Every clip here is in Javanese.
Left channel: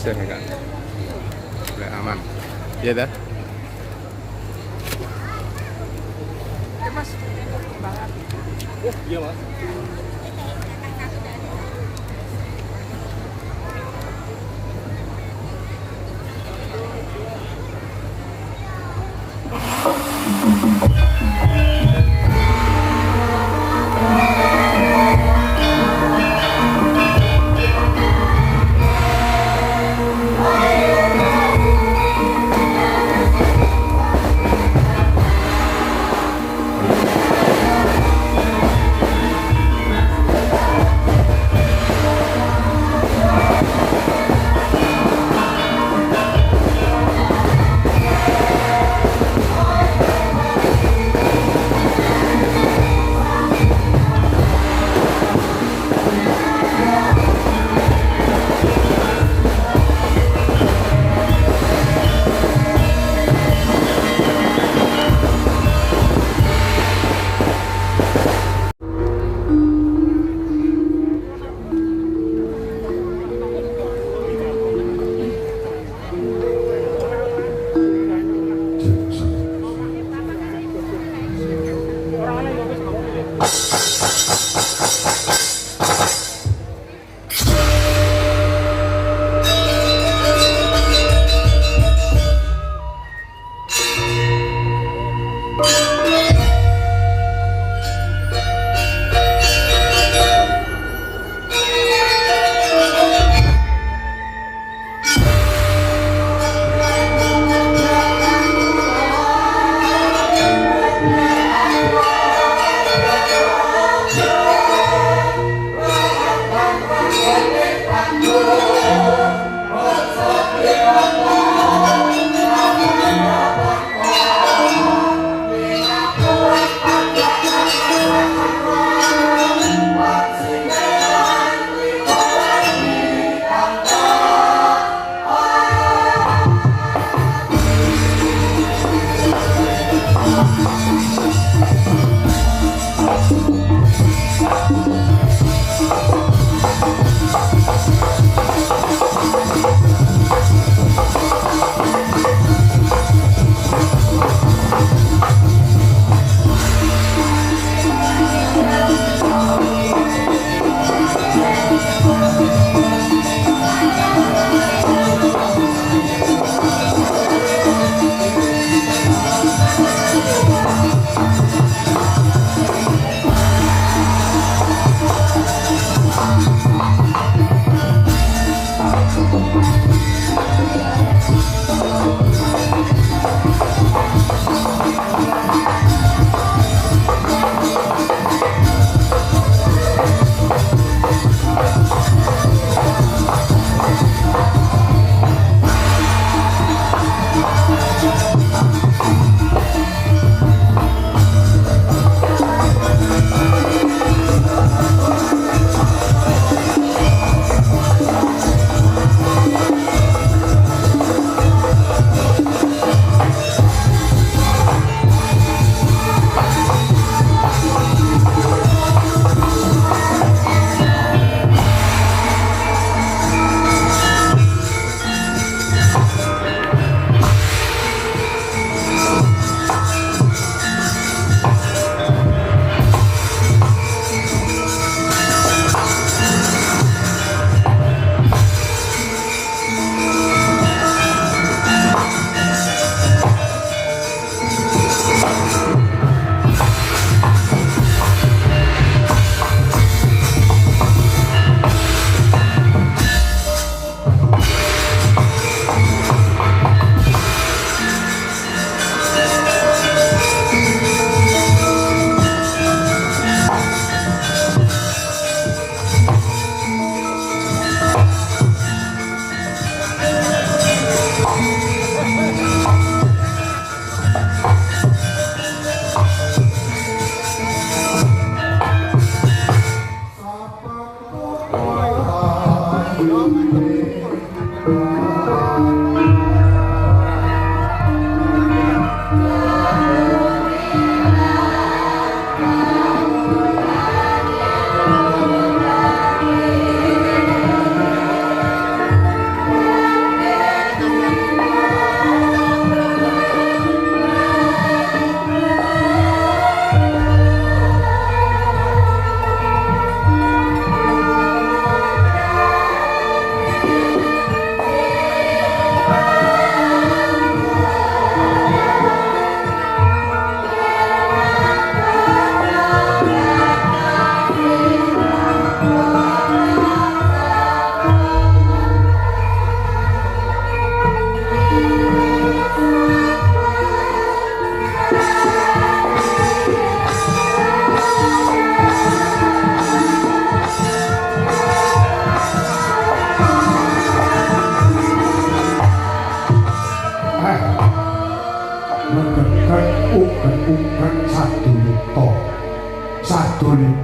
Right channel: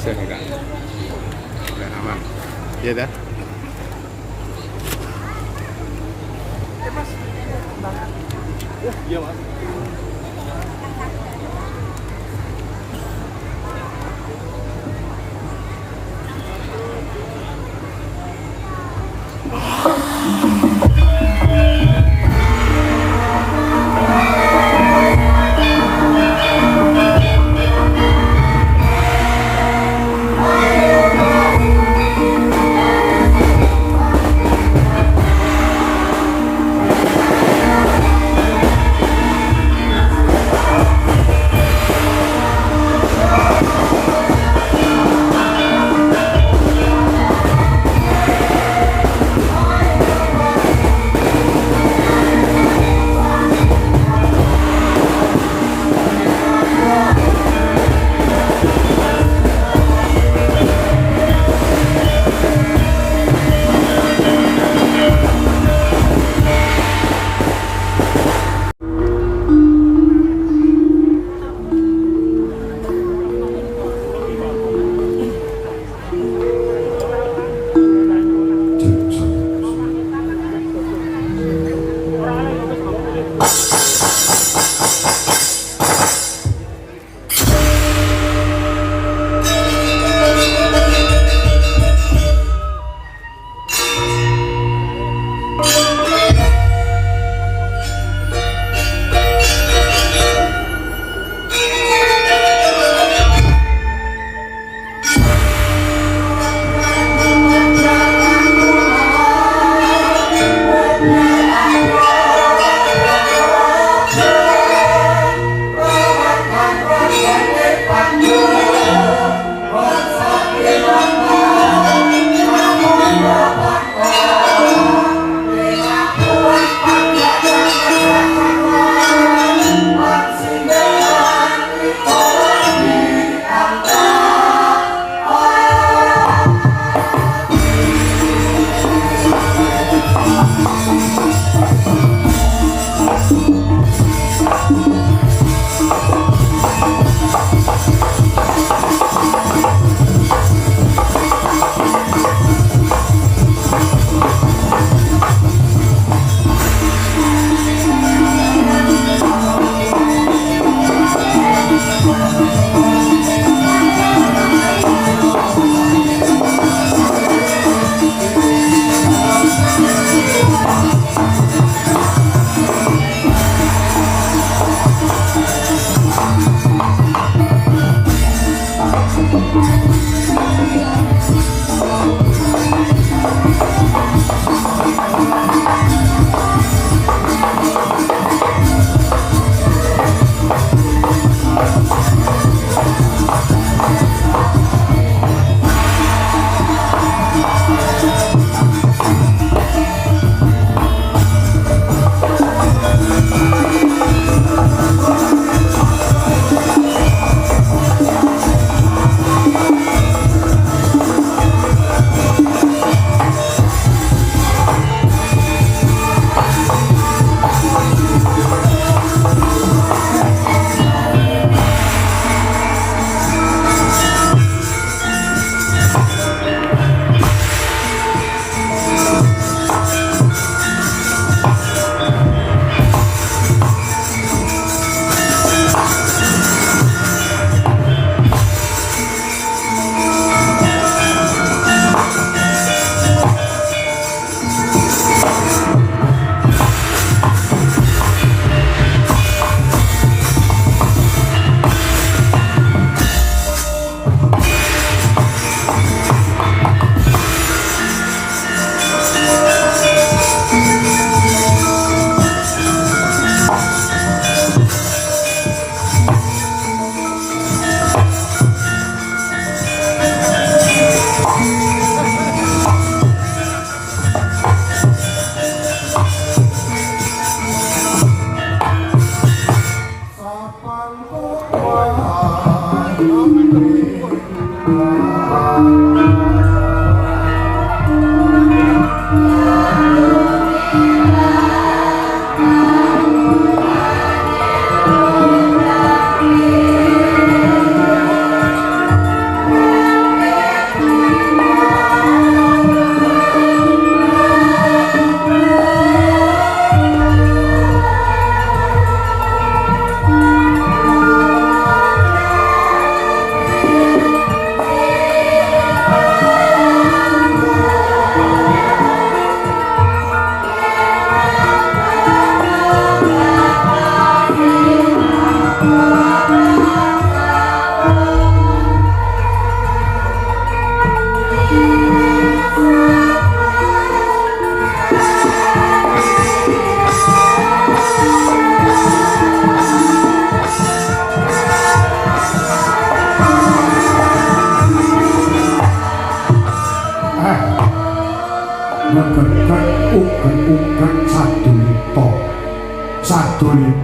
bisa kakak nggak aman iya dah. Iya mas.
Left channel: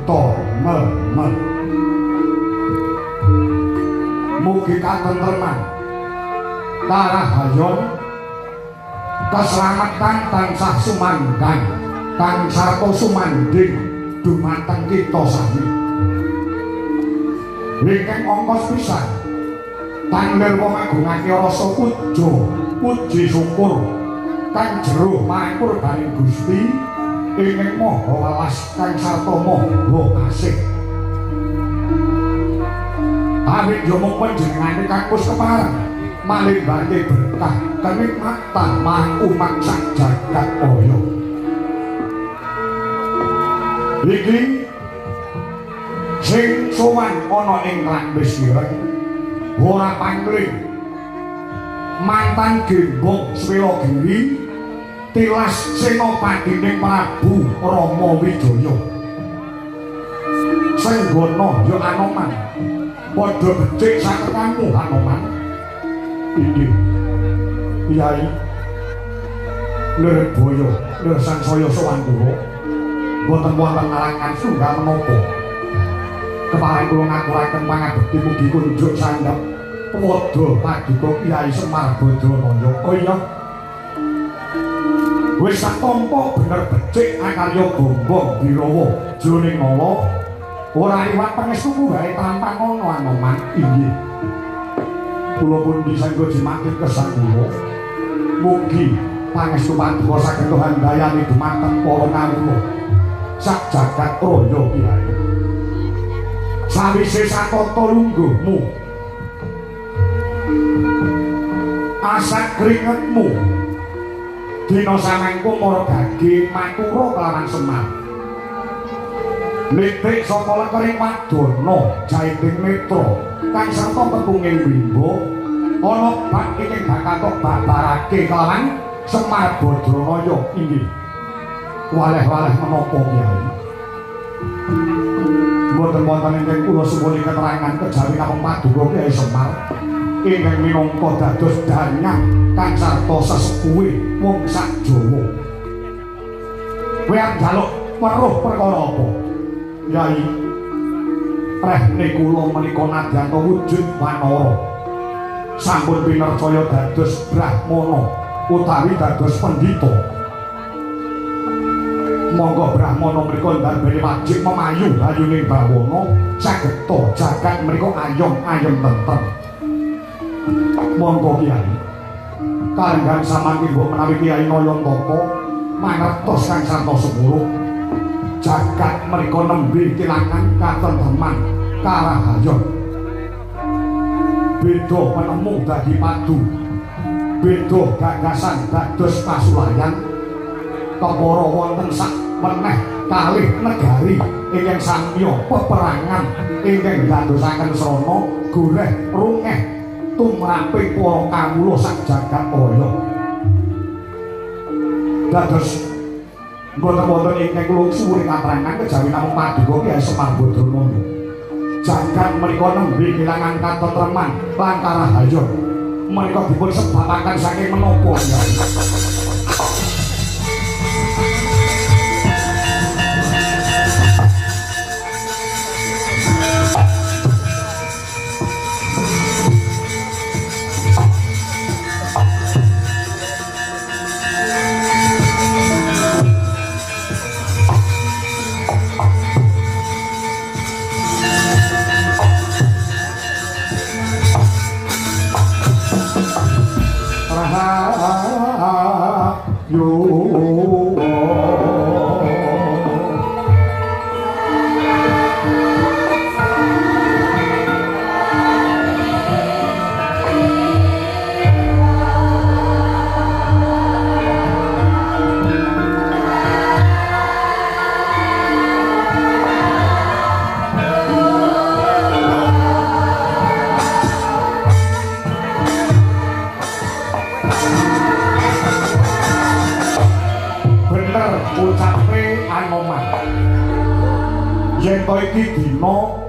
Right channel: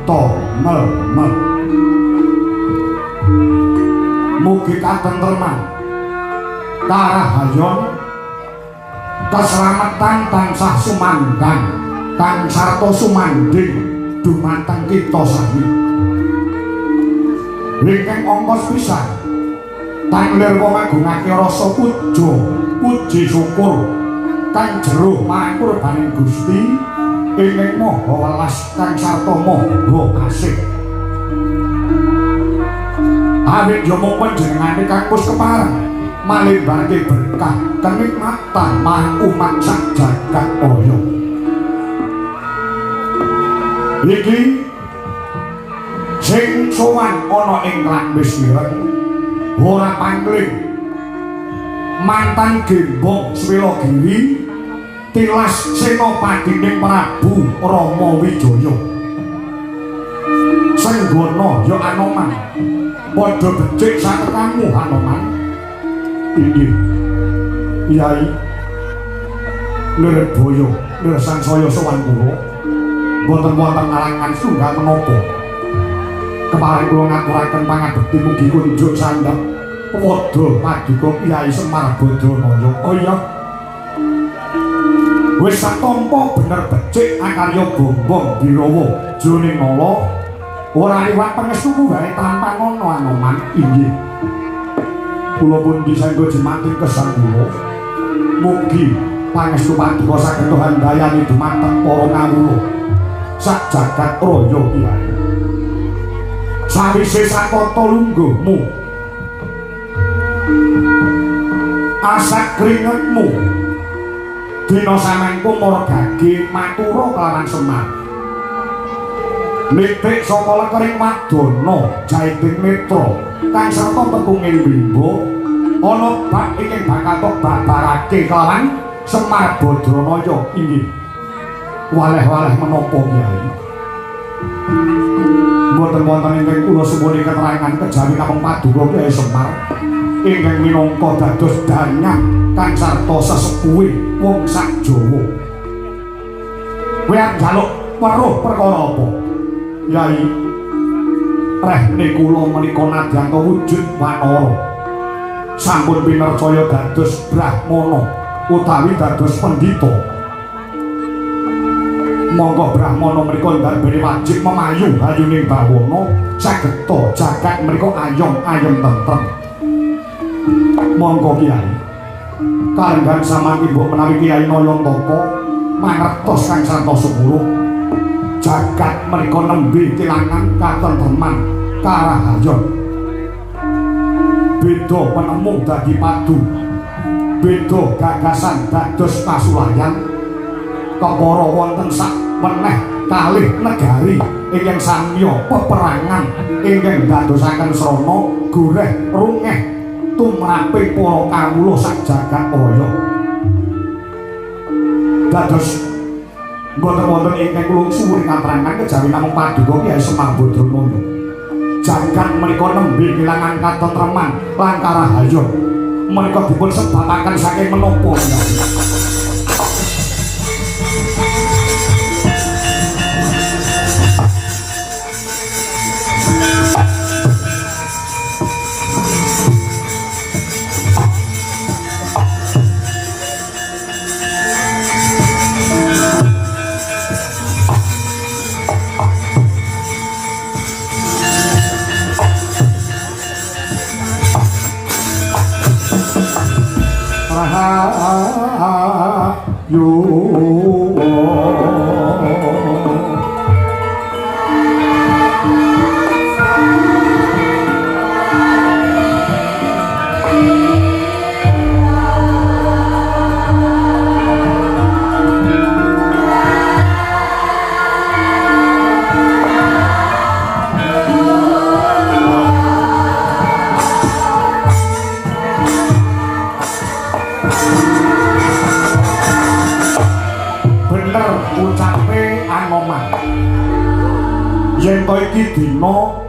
sageta mel-mel. Mugi katentreman, karahayon, keselamatan tansah sumangkang, kang sarta sumanding dumateng kita sami. Ingkang angka pisan tanlir wong ngagungake rasa puja puji syukur kang jero mangkurbaning Gusti ingkang maha welas kang sarta maha kasih. Awit yomo panjenengane kakus kepareng malebake berkah kenikmatan marang umat sak jagat raya. Iki sing sowan ana ing Lambis Ireng ora pangling mantan gembok Swilagiri tilas senopatining Prabu Rama Wijaya. Senggana ya Anoman padha becik saketamu Anoman. Inggih Kyai Lirboyo Lir sansaya sowan kula boten wonten arangan sunggal menapa kepareng kula ngaturaken pangabekti mugi kunjuk sandhep padha paduka Kyai Semar Badramaya. Oh iya wis satampa bener becik akarya Gombong Birawa jroning nala ora liwat pangestu wae tanpa ngono Anoman. Inggih kula pun disangga jemati kesan kula mugi pangestu paduka saged handayani dumateng para kawula sak jagat raya Kyai. Sawise satata lungguhmu asak keringetmu dina samengko margage matura kelawan Semar nitik saka lekering Madana Jaiting Netra kang sarta tepunging Bimba ana bab ingkang bakal babarake kelawan Semar Badramaya. Inggih waleh-waleh menapa Kyai mboten wonten ingkang kula suwuni keterangan kejawi namung paduka Kyai Semar ingkang minangka dados danyang kang sarta sesepuhe wong sak Jawa. Kowe arep njaluk weruh perkara apa? Kyai rehne kula menika nadyan wujud wanara sampun pinercaya dados brahmana utawi dados pendhita. Monggo brahmana menika ndarbene wajib memayu ayuning bawana sageta jagat menika ayom-ayom tentrem. Monggo Kyai kalenggan samangke mbok menawi Kyai Nayantaka mangertos kang sarta sepuluh jagat menika nembe kelangan katentreman karahayon. Beda penemu dadi padu, beda gagasan dados pasulayan. Kepara wonten sak meneh kalih negari ingkang samya peperangan ingkang dadosaken srana goleh rungeh tumraping para kawula sak jagat raya. Dados boten-boten ingkang kula suwun katerangan kejawi namung paduka Kyai Semar Badramaya. Jagat menika nembe kelangan katentreman lan karahayon. Menika dipun sebabaken saking menapa?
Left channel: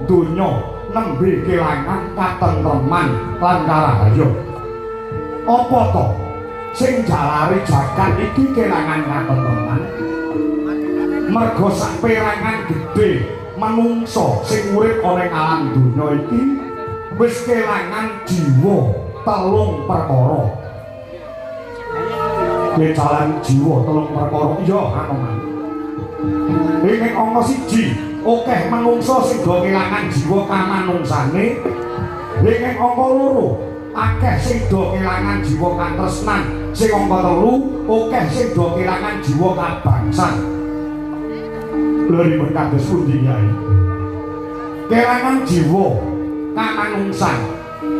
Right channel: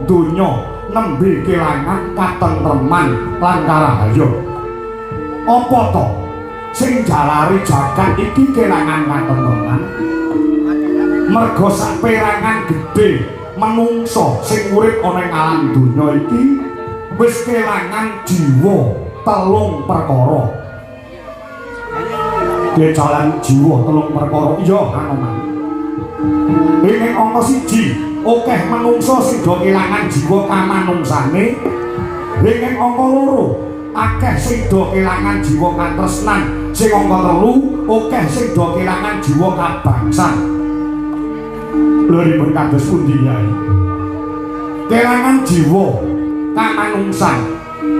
Donya nembe kelangan katentreman lan karahayon. Apa to sing jalari jagat iki kelangan katentreman? Merga saperangan gedhe manungsa sing urip ana ing alam donya iki wis kelangan jiwa telung perkara. Kejalan jiwa telung perkara iya ana. Ing angka 1 akeh manungsa sing do kelangan jiwa kamanungsane. Ing angka 2 akeh sing do kelangan jiwa katresnan. Sing angka 3 akeh sing do kelangan jiwa kabangsan. Lha kados pundi Nyai? Kelangan jiwa kamanungsan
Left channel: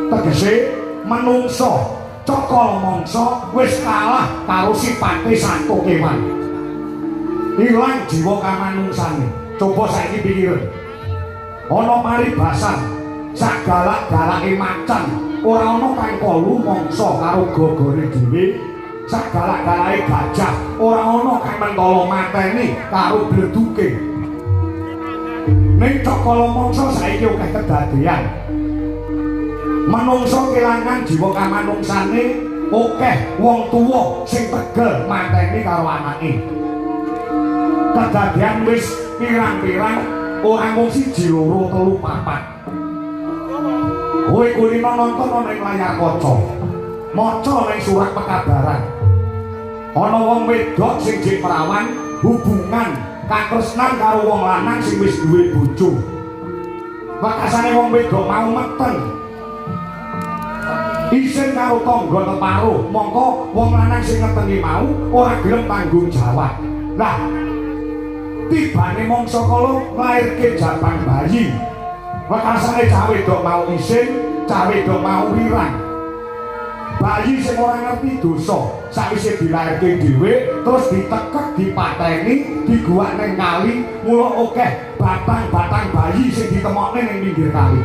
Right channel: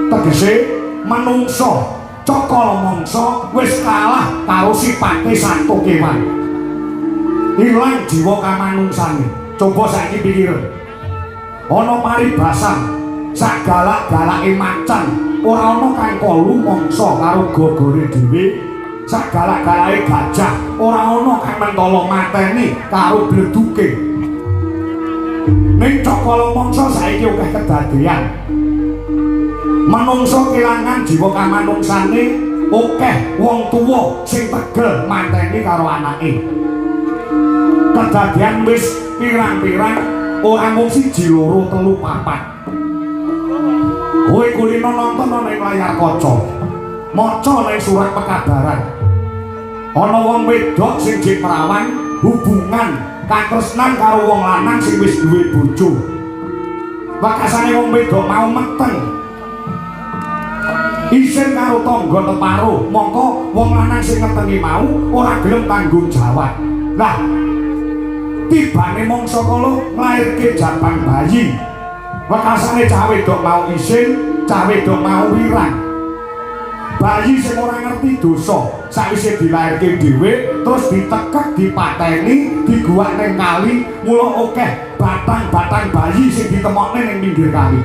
tegese manungsa cakala mangsa wis kalah karo sipate sato kewan. Ilang jiwa kamanungsane. Coba saiki pikir. Ana paribasan sak galak-galake macan ora ana kang kolu mangsa karo gogore dhewe. Sak galak-galake gajah ora ana kang mentolo mateni karo bleduke. Ning cakala mangsa saiki akeh kedadean. Manungsa kelangan jiwa kamanungsane, akeh wong tuwa sing tegel mateni karo anake. Kedadean wis pirang-pirang ora mung 1, 2, 3, 4. Kowe kulino nonton ana ing layar kaca. Maca ning surat pekabaran. Ana wong wedok sing jek perawan hubungan katresnan karo wong lanang sing wis duwe bojo. Wakasane wong wedok mau meteng. Isin karo tangga teparo, mongko wong lanang sing ngetengi mau ora gelem tanggung jawab. Lah, tibane mangsa kala nglairke jabang bayi. Wakasane cah wedok mau isin, cah wedok mau wirang. Bayi sing ora ngerti dosa, sakwise dilairke dhewe terus ditekek, dipateni, diguwak ning kali, mula akeh batang-batang bayi sing ditemokne ning pinggir kali.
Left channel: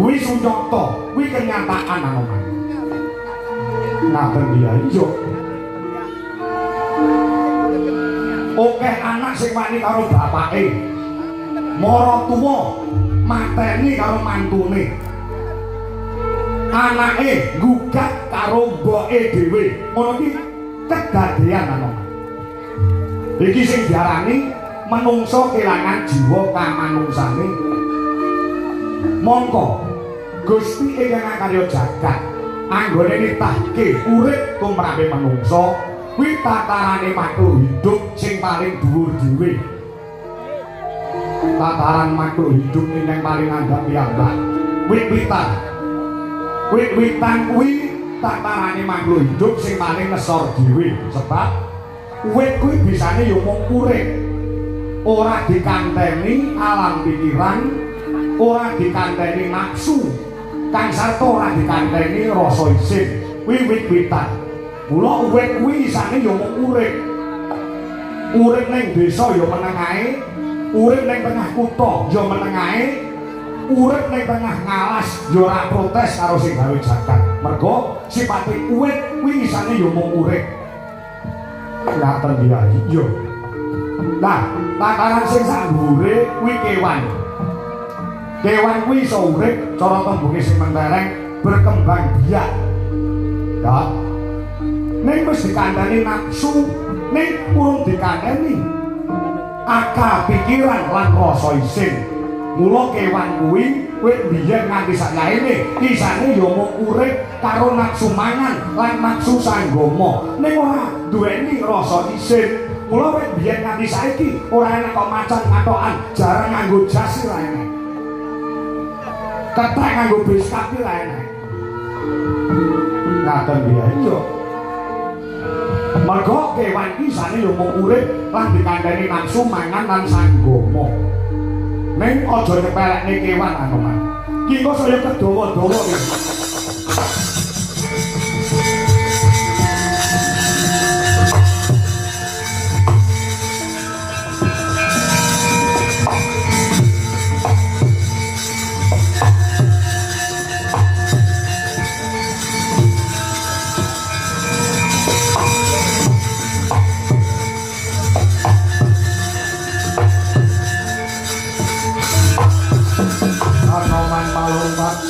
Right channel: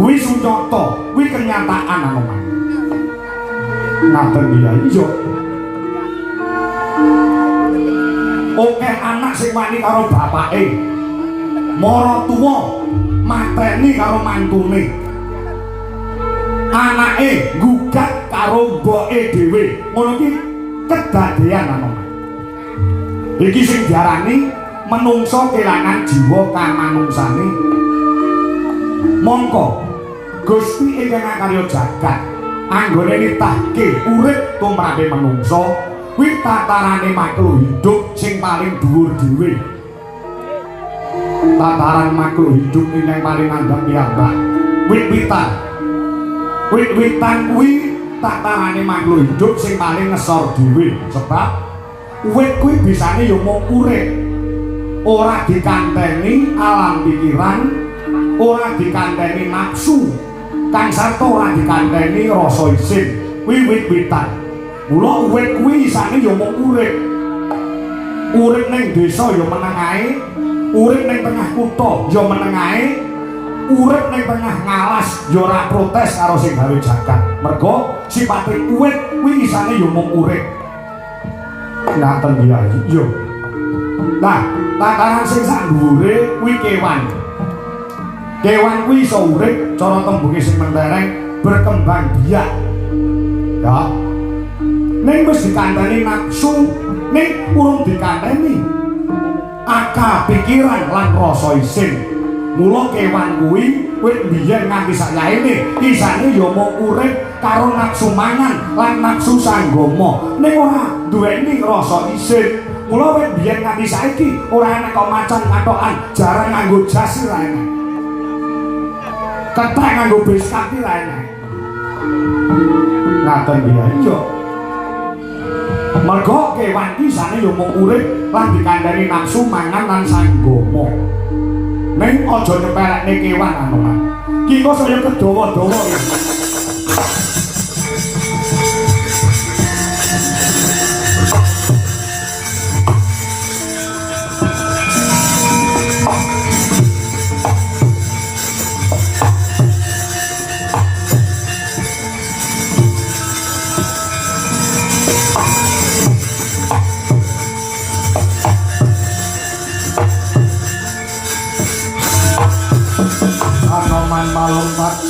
Kuwi sunyata, kuwi kenyataan ana. Ngaten iya iya. Akeh anak sing wani karo bapake. Mara tuwa mateni karo mantune. Anake gugat karo mboke dhewe. Ngono iki kedadean ana. Iki sing diarani manungsa kelangan jiwa kamanungsane. Mongko Gusti ingkang karya jagat anggone nitahke urip tumrape manungsa kuwi tatarane makhluk hidup sing paling dhuwur dhewe. Tataran makhluk hidup ingkang paling andhap piyambak. Wit-witan kuwi tatarane makhluk hidup sing paling ngesor dhewe sebab wit kuwi bisane ya mung urip. Ora dikanteni alam pikiran, ora dikanteni nafsu, kang sarta ora dikanteni rasa isin. Kuwi wit-witan. Mula wit kuwi isane ya mung urip. Urip ning desa ya meneng ae, urip ning tengah kutha ya meneng ae, urip ning tengah ngalas ya ora protes karo sing gawe jagat. Mergo sipate wit kuwi isane ya mung urip. Ngaten iki yo. Nah, tataran sing sak dhuwure kuwi kewan. Kewan kuwi iso urip cara tembunge sing mentereng berkembang biak. Ya. Ning wis dikandani nafsu, ning urung dikandani akal pikiran lan rasa isin. Mula kewan kuwi wit biyen nganti sakyaene isane ya mung urip karo nafsu mangan lan nafsu sanggama. Ning ora duweni rasa isin. Mula wit biyen nganti saiki ora enek kok macan ngatokan jarang nganggo jas ora enek. Ketek nganggo biskat ora enek. Ngaten iki yo. Mergo kewan iki isane yo mung urip lan dikandani nafsu mangan lan sanggama. Ning aja nyepelekne kewan ana. Ki kok saya kedawa-dawa iki.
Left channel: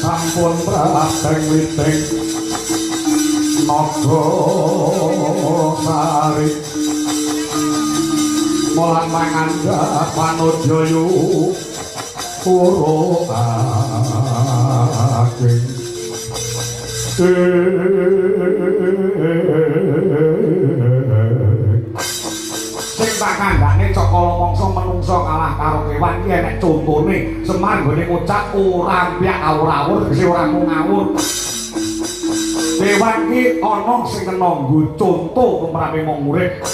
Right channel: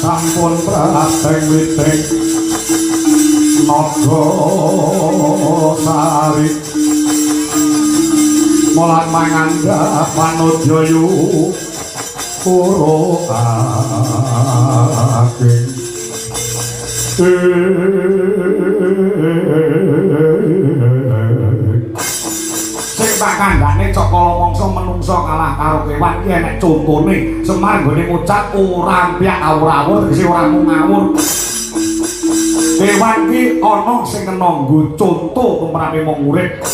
Sampun prateng witeng naga sari molan mangandha panodya puro aking sing pakandhane cakala mangsa manungsa kalah karo kewan iki enek contone Semar gone ngucap ora ampiak awur-awur sing ora mung ngawur kewan iki ana sing kena nggo conto tumrape wong urip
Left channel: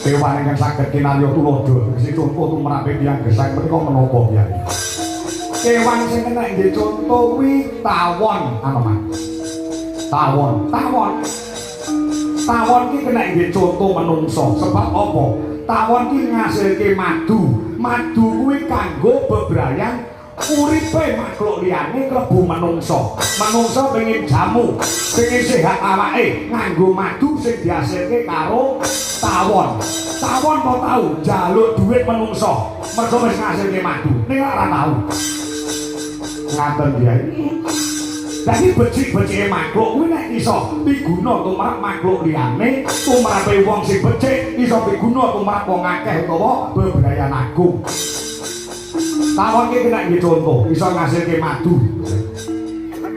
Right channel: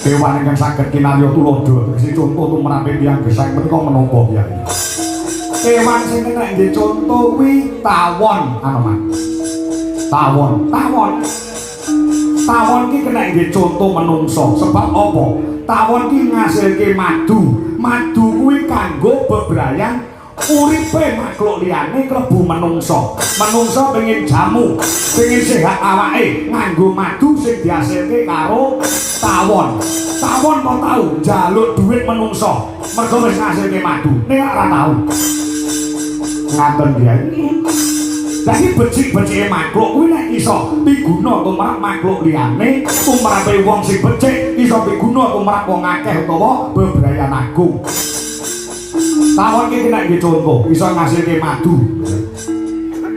kewan ingkang saged kinarya tuladha sing conto tumrape tiyang gesang menika menapa Kyai kewan sing kena nggo conto kuwi tawon tawon ki kena nggo conto manungsa sebab apa tawon ki ngasilke madu kuwi kanggo bebrayan uripe makhluk liyane klebu manungsa pengen jamu pengen sehat awake nganggo madu sing dihasilke karo tawon kok tau njaluk dhuwit manungsa mergo wis ngasilke madu ning ora tau ngaten Kyai. Dadi becik-becike makhluk kuwi nek iso piguna tumrap makhluk liyane, tumrape wong sing becik iso piguna tumrap wong akeh utawa bebrayan agung. Tawon iki nek dicontoh iso ngasilke madu.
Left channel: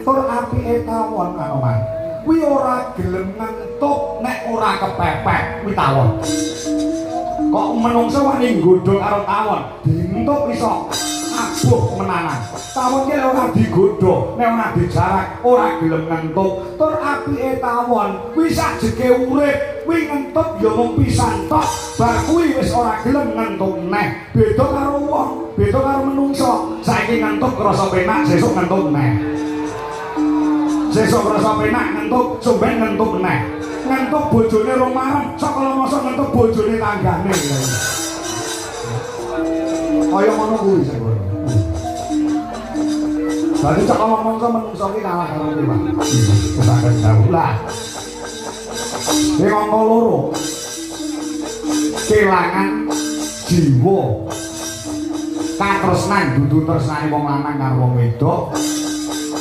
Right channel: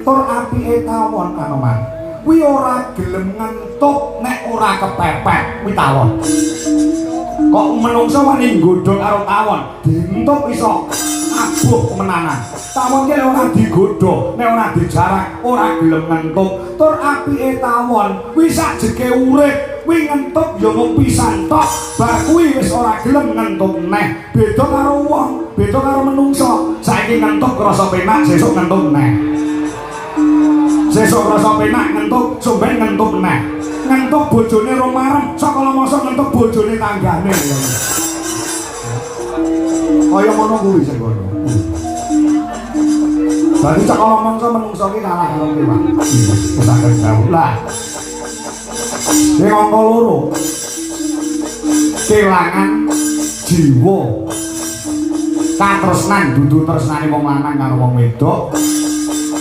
Tur apike tawon Kanoman. Kuwi ora gelem ngentuk nek ora kepepet kuwi tawon. Kok menungsa wani nggodhong karo tawon, dientuk iso abuh menanan. Tawon ki ora digodho, nek ora dijarak ora gelem ngentuk. Tur apike tawon kuwi sajeke urip, kuwi ngentuk ya mung pisan tok. Bar kuwi wis ora gelem ngentuk neh. Beda karo wong, beda karo menungsa. Saiki ngentuk krasa penak, sesuk ngentuk neh. Sesuk krasa penak ngentuk, somben ngentuk neh. Ngentuk bojone romarem, sakala masa ngentuk bojone tanggane. Kaya ngono kuwi sing ngono. Dadi cak omongso menungso ki kalah karo kewan. Kesaken daulah. Sing angka loro. Kelangan jiwa. Katresnan dudu tresnane wong lanang karo wong wedok.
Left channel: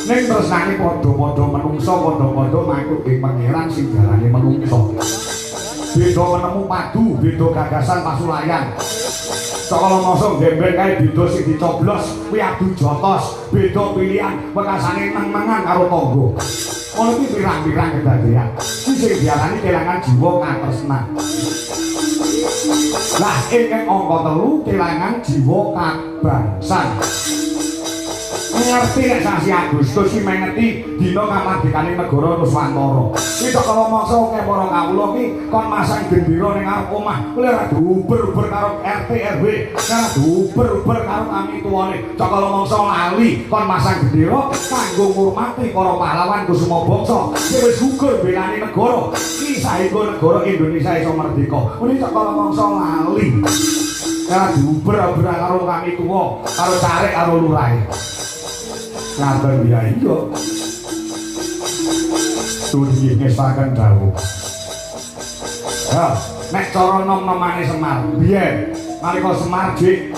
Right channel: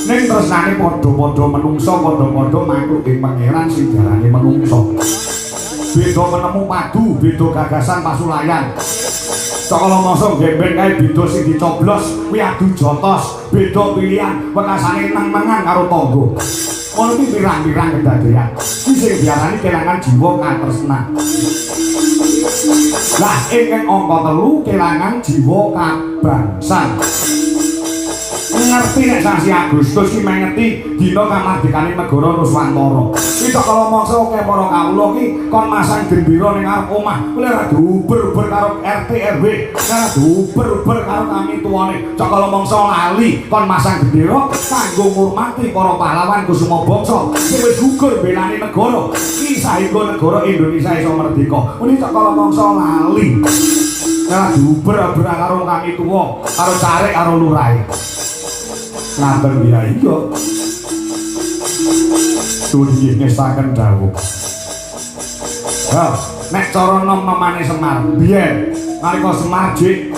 Ning tresnane padha-padha menungso, padha-padha makhluk ing pangeran sing diarani menungso. Beda nemu padu, beda gagasan pasulayan. Sakala masa gembeng kae beda sing dicoblos kuwi adu jotos, beda pilihan wekasane nang mangan karo tangga. Ono iki pirang-pirang kedadean. Iki sing diarani kelangan jiwa katresnan. Lah ing angka 3 kelangan jiwa kabangsan. Ngerti nek sasi Agustus ki mengerti dina kamardikane negara Nuswantara. Iki sakala mangsa akeh para kawula ki kon masang gendera ning arep omah, kuwi ora diuber-uber karo RT RW, ora diuber-uber karo kami tuane. Sakala mangsa lali kon masang gendera kanggo ngurmati para pahlawan Kusuma Bangsa sing wis gugur belani negara. Iki saengga negara Indonesia iso merdeka. Kuwi sakala mangsa lali. Ora diuber-uber karo kami tuwa, karo carek karo lurahe. Ngaten ya iya. Dunia ngestaken dawuh. Ya, nek cara nom-nomane Semar, biyen nalika Semar jek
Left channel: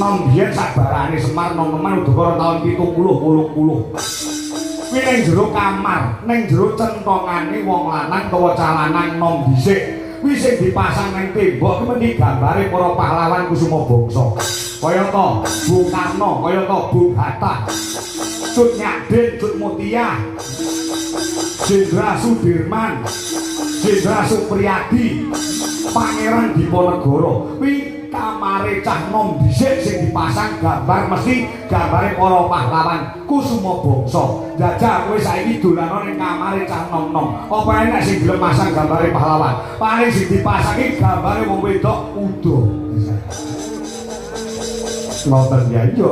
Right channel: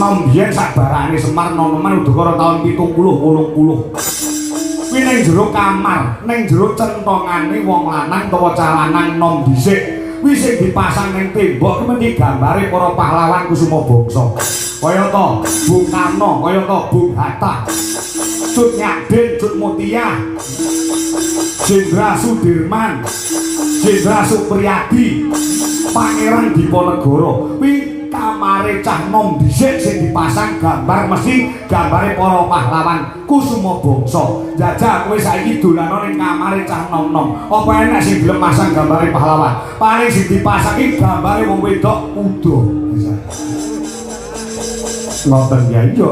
nom biyen sabarane Semar nom-noman udakara taun 70 80. Kuwi ning jero kamar, ning jero centongane wong lanang utawa calanan nom dhisik. Kuwi sing dipasang ning tembok kuwi gambare para pahlawan Kusuma Bangsa. Kaya to Bung Karno, kaya to Bung Hatta, Cut Nyadin, Cut Mutia, Jenderal Sudirman, Jenderal Supriyadi, Pangeran Diponegoro. Kuwi kamare cah nom dhisik sing dipasang gambar mesti gambare para pahlawan Kusuma Bangsa. Jajal kowe saiki dolano ning kamare cah nom-nom. Apa enek sing gelem pasang gambare pahlawan? Paling sing dipasang iki gambare wong wedok udo. Ngoten ya iya.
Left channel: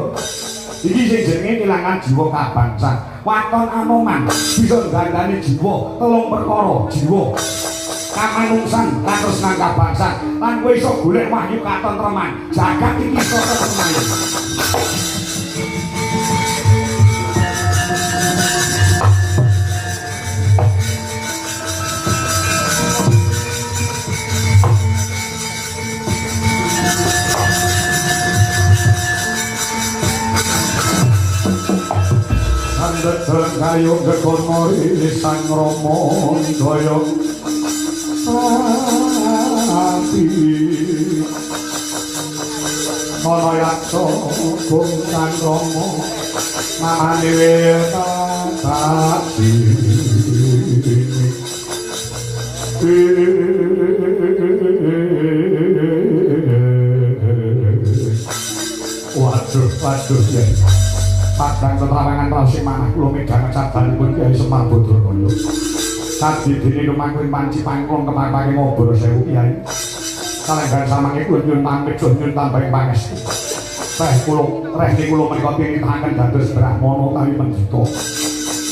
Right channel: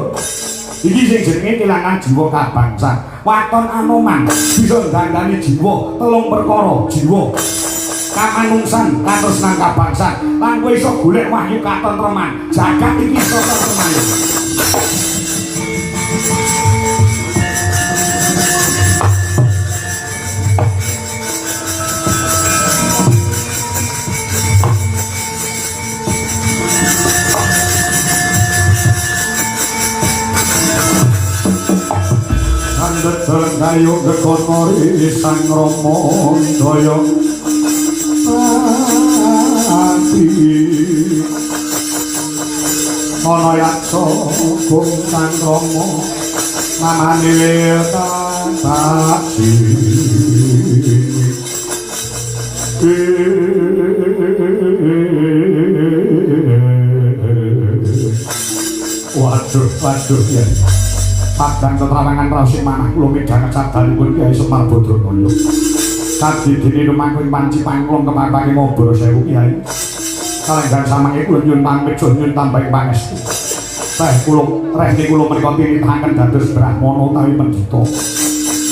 Iki sing jenenge kelangan jiwa kabangsan. Waton Anoman bisa nggandani jiwa, 3 perkara jiwa. Kamanungsan, katresnan kabangsan. Lan kowe iso golek wahyu katentreman. Jagat iki iso tentrem. Kayo gekonori sang Rama daya ati so kung kang romo manilita pati waduh ya padang tetarangan rasi manah kula midhang cadhanipun Kyai Semar Badramulya sadi dene lumangking panci pangklong kepapake mobor sewu Kyai kalenggan samangipun nyuwun pamit nyuwun tambahi pangestu teh kula rene kula menika pinitaken dados brahmana utawi pendhita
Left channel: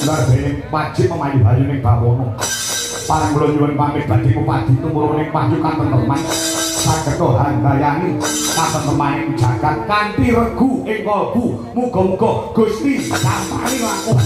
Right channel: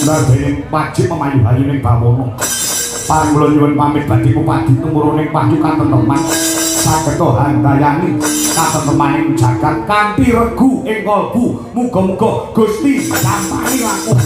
nadene wajib memayu bayu ning bawana pangkula nyuwun pamit badhe bupati kemuruning panyukan teman saged handayani katentemaning jagat kanthi regu ing kalbu muga-muga Gusti sampani langkung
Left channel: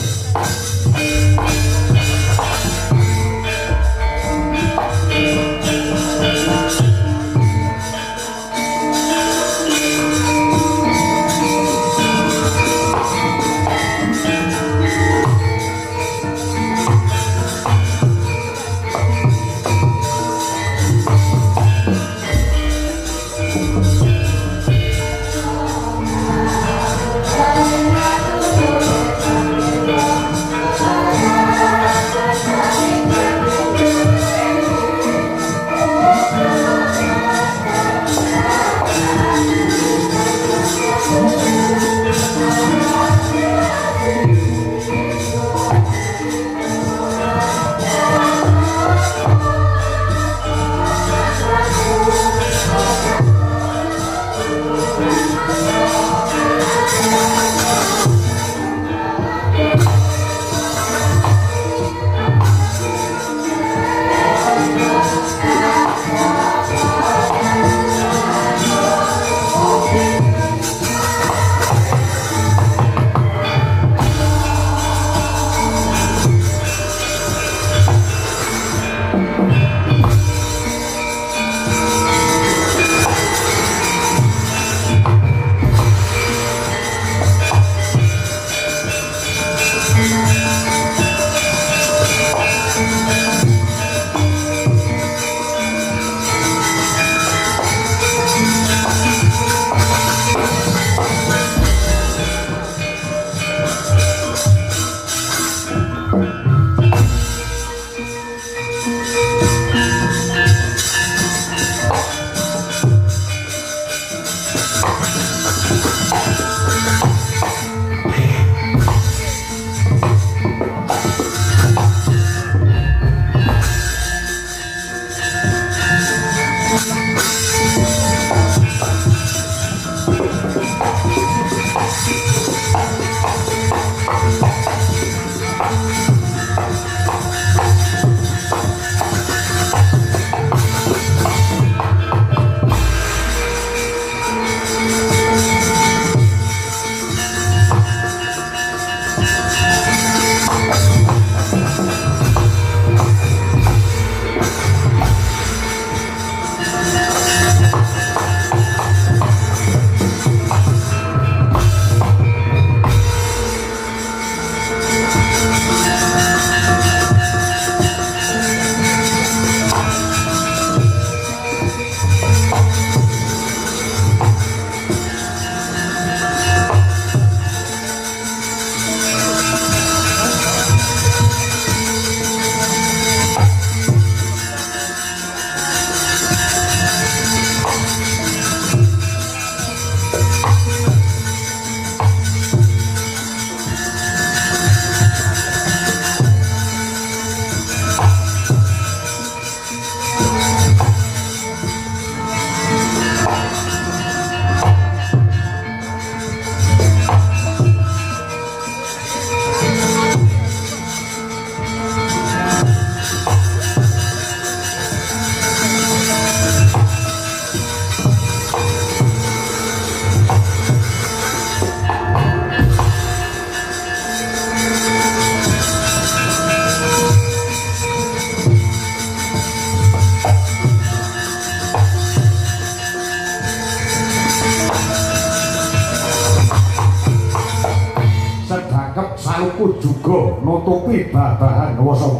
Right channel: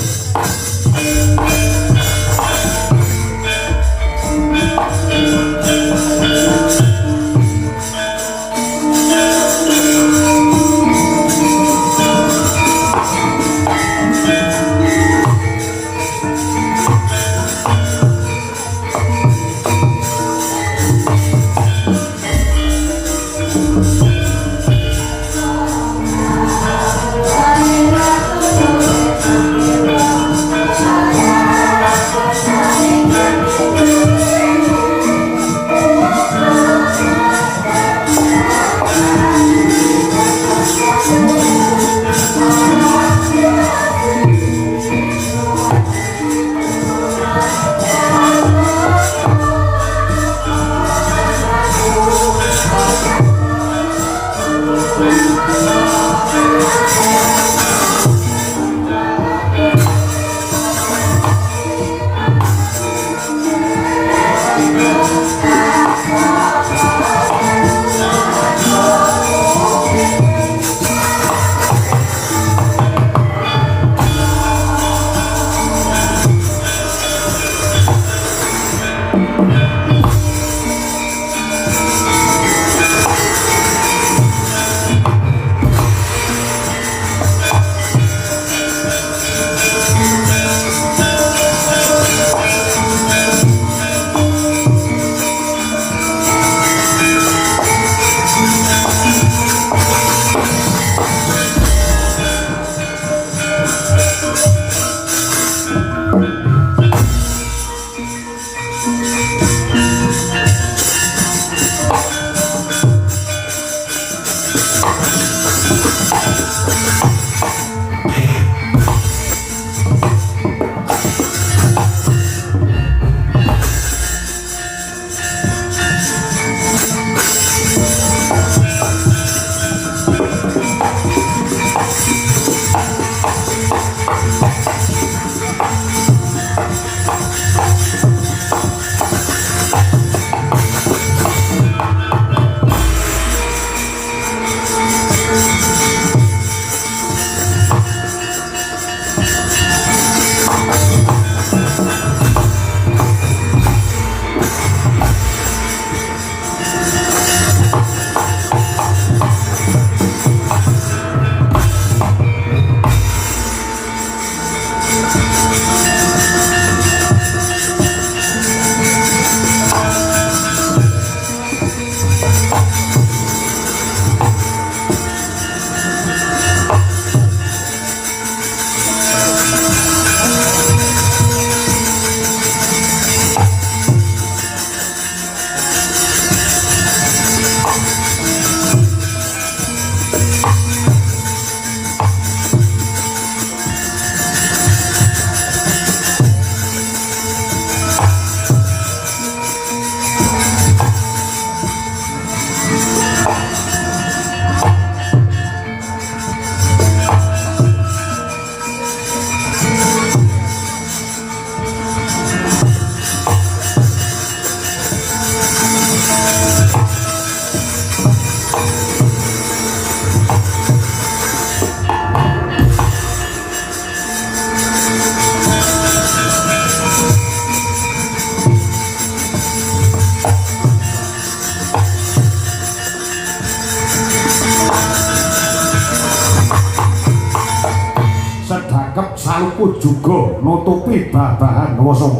juga nutupi babahan wasa.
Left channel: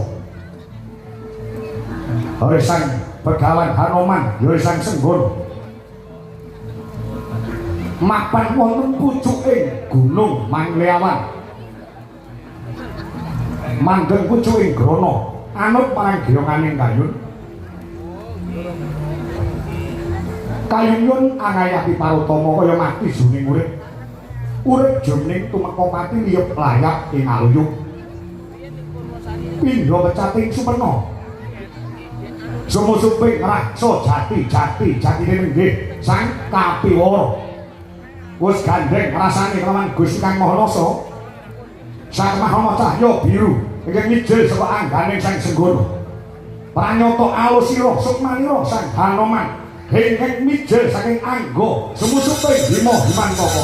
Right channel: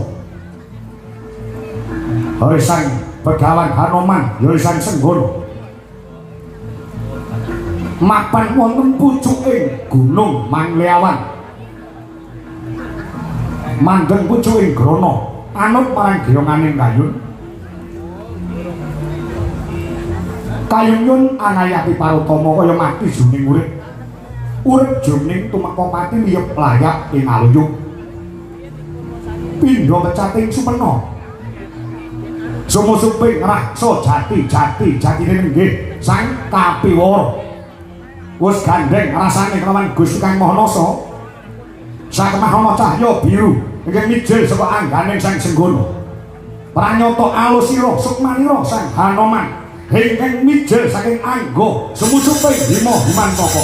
Hei sang Begawan Hanoman, hei sang Senggon. mapan wonten pucuking Gunung Mangleawan. Mandeng pucuking grana anut marang geyonganing kayun. Kayun angayapi parutama kaya mati jroning urip. Urip jroning tumeka mati miyep layak ing aluyung. Pindha pecating superna. Sumusuping raksa jati-jatine nggih sang kapiwara. Wis gandeng rasane kelawan Gusti Kang Mahanasa. Sang Mahana Cahya biru ingkang mijil saka angganing Sang Senggana. Pranyata alusira sukmanira Sang Hanoman ingkang mijil saking angga sumusuping Bima Himantaka.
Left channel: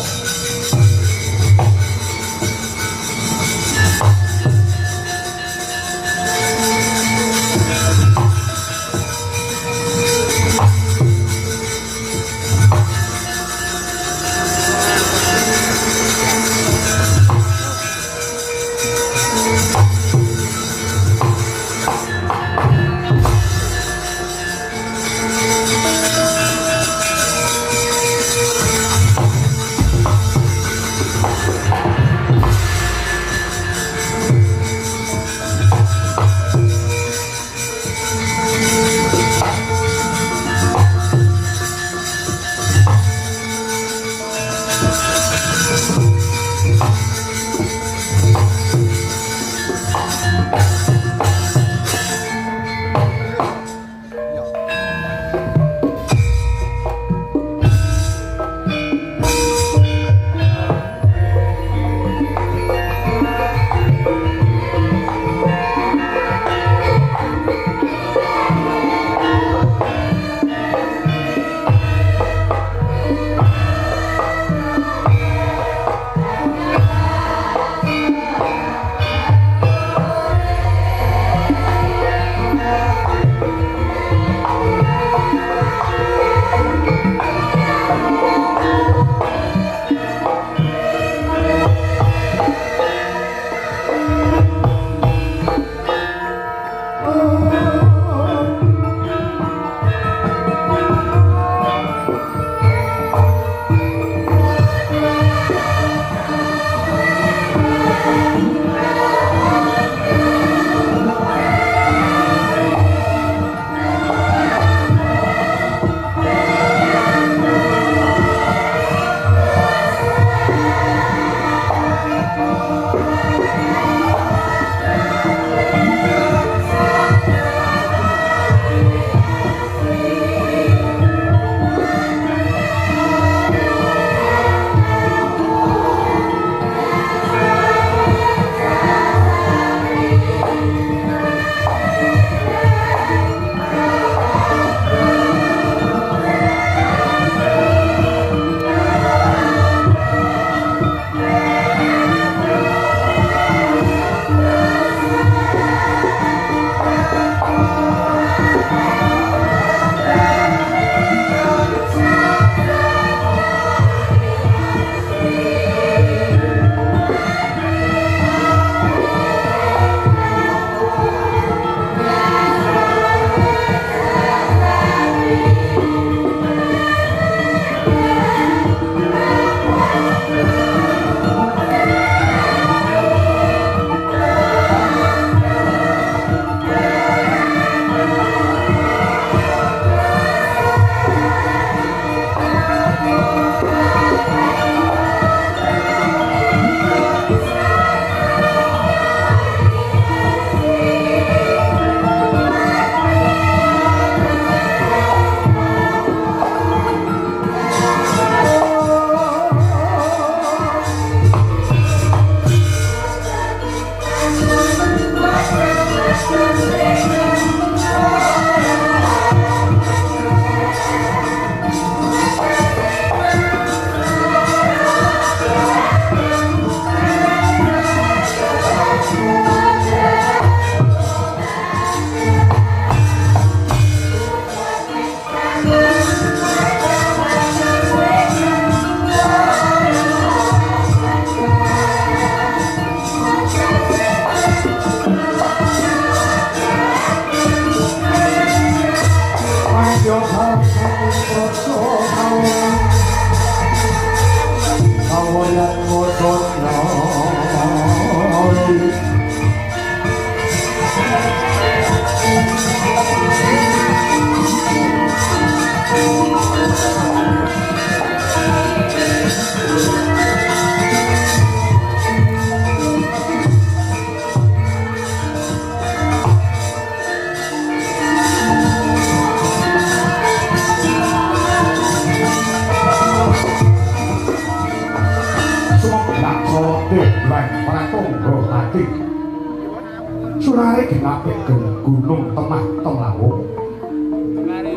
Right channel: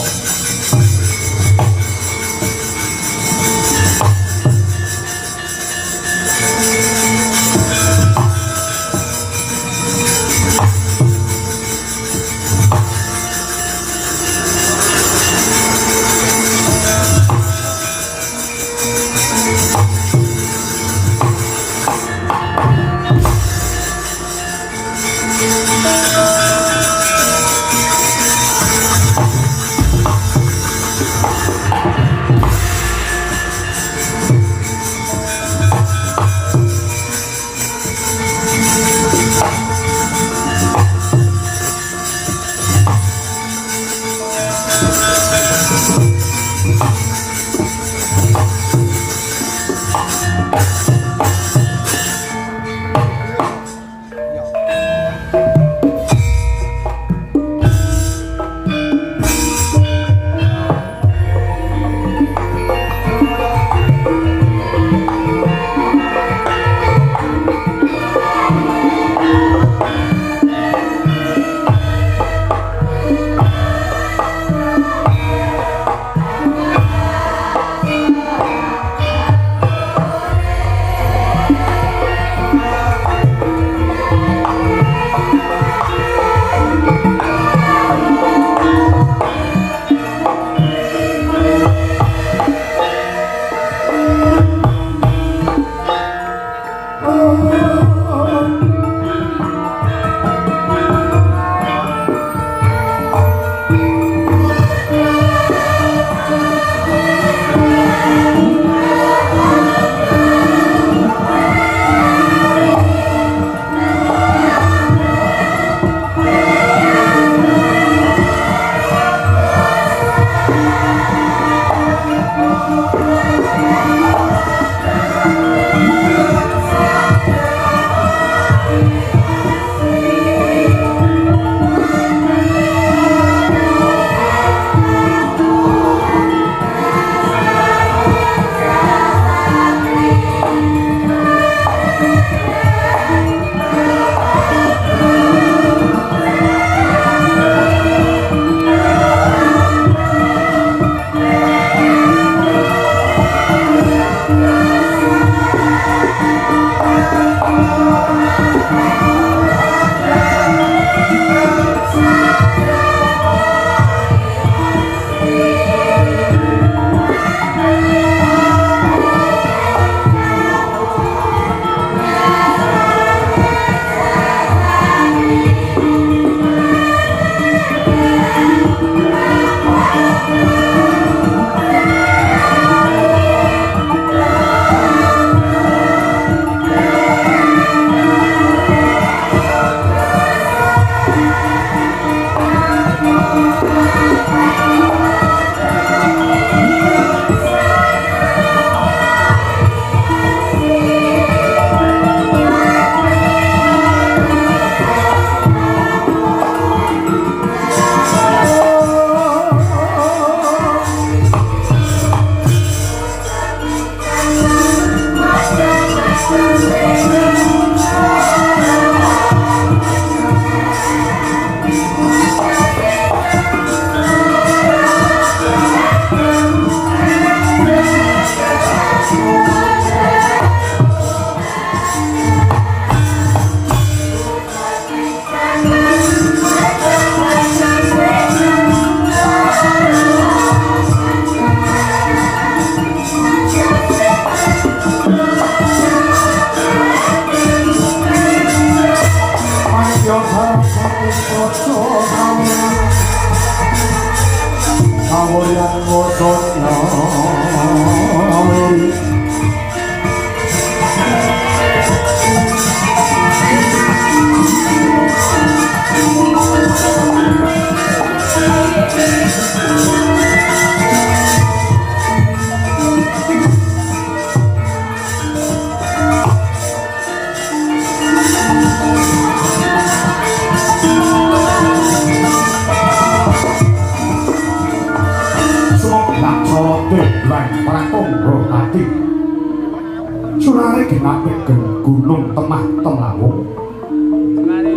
Gunung Temah Temawung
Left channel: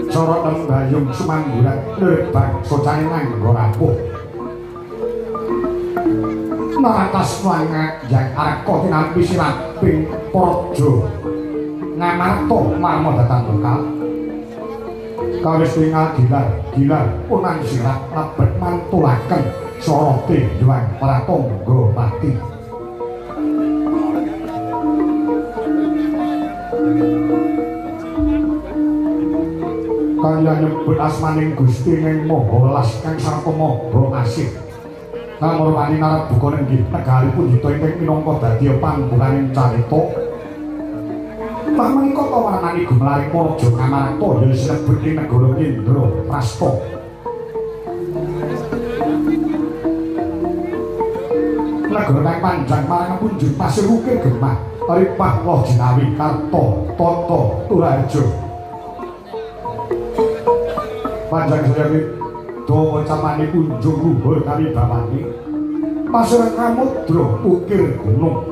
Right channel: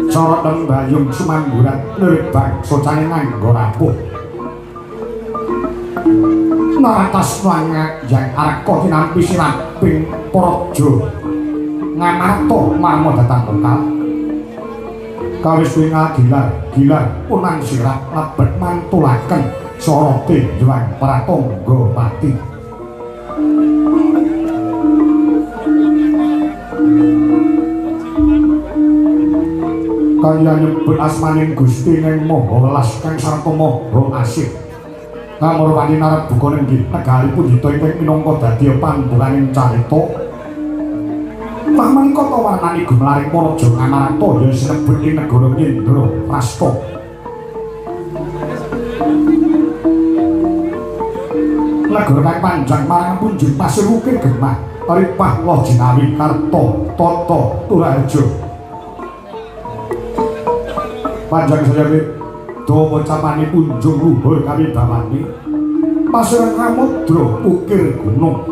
Sorot dan Bayung Sumamburat Lerbang Socane nganggo rapuh Naratas wangat yang aku tinapi siraping projo ngamato marmo datang lokal kawis wingal gilar punang sirap labet mantulaken sorote juang pratangga pati kaya nyebut asmaning Gusti ning maha welas kang sarta maha asih kamurwani narap buka ning negaripun ditoiping minangka dadi panggonaning carita pamangka kawanani gumlaring Praja Ngamarta ya sinebut ing negara Indra Prasta negara kang panjang marang punjung pasir ukir gemah Ripah Woh Jinawi Karta Tata Turajo panjang sejawit do pocamani kunjung luhur kami bawani pasir kamudra ukir gunung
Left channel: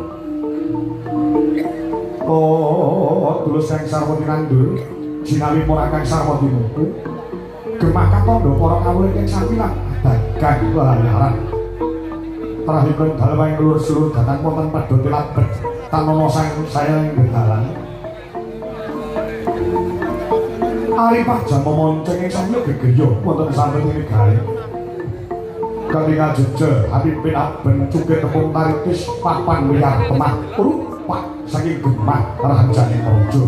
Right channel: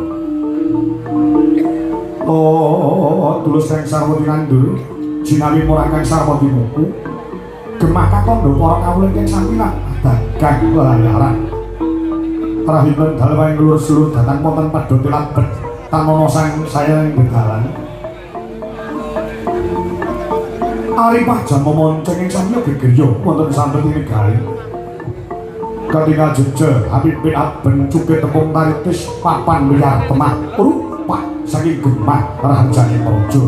tulus kang sarwa ngandhur jinawi ora kang sarwa dimuku gemah katandha para kawula ing sampilan dagang lalaran rahipun dalem lurus-lurus datang wonten pedhote labet tamono sang saya ing dalan Aripah jampo monceng ing samya gegirya wonten santet ing gawe. Ketika jejer Habib bin Aben cukit tepung taritis papan wiyar temah rupak saking gemah ranjane praja.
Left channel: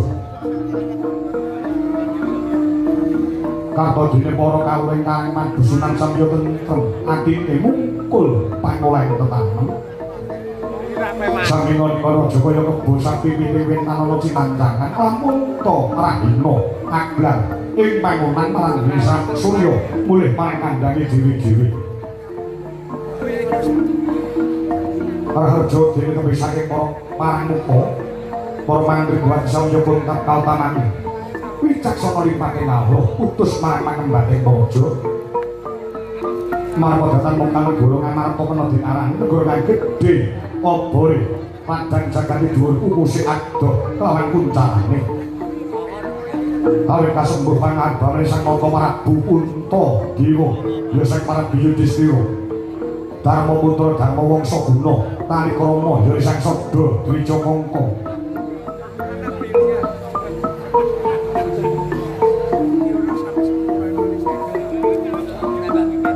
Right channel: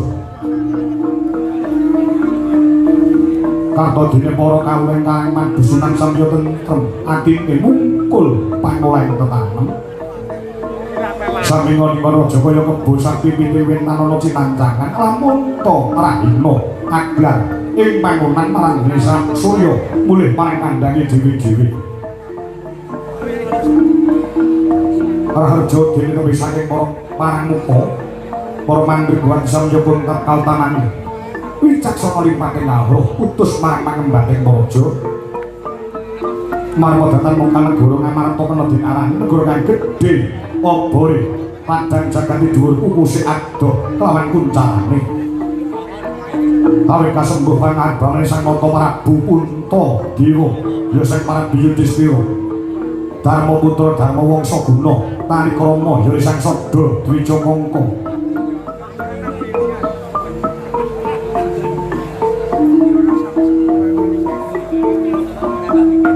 Kato dene para kawula ingkang madusunan samya tentrem atine mungkul pangoleh tetanem. Sami ngono Jaya kebo sapi piwin nalala cinancangan lamun to rahina aglar ing panggonan marang desa Surya mulih pangandangi dhewe-dhewe. Raharja dene kebi saking pamuka para mantri buat samya pun kapal tanane. Wicaksana lipate nawuh utus marang mangembating praja. Marang datang mungkal golong Ngamarta kena dinarani negara kang gedhe obore padang jagati dhuwur ukuse adoh lawan kuncane. Kawit kasembuh pangabane Sang Nata Prabu Punta Dewa ya Sang Prabu Yudhistira Darma Putra Darma Wangsa Guna Tarikrama ya Sang Sada Dwija Mangka.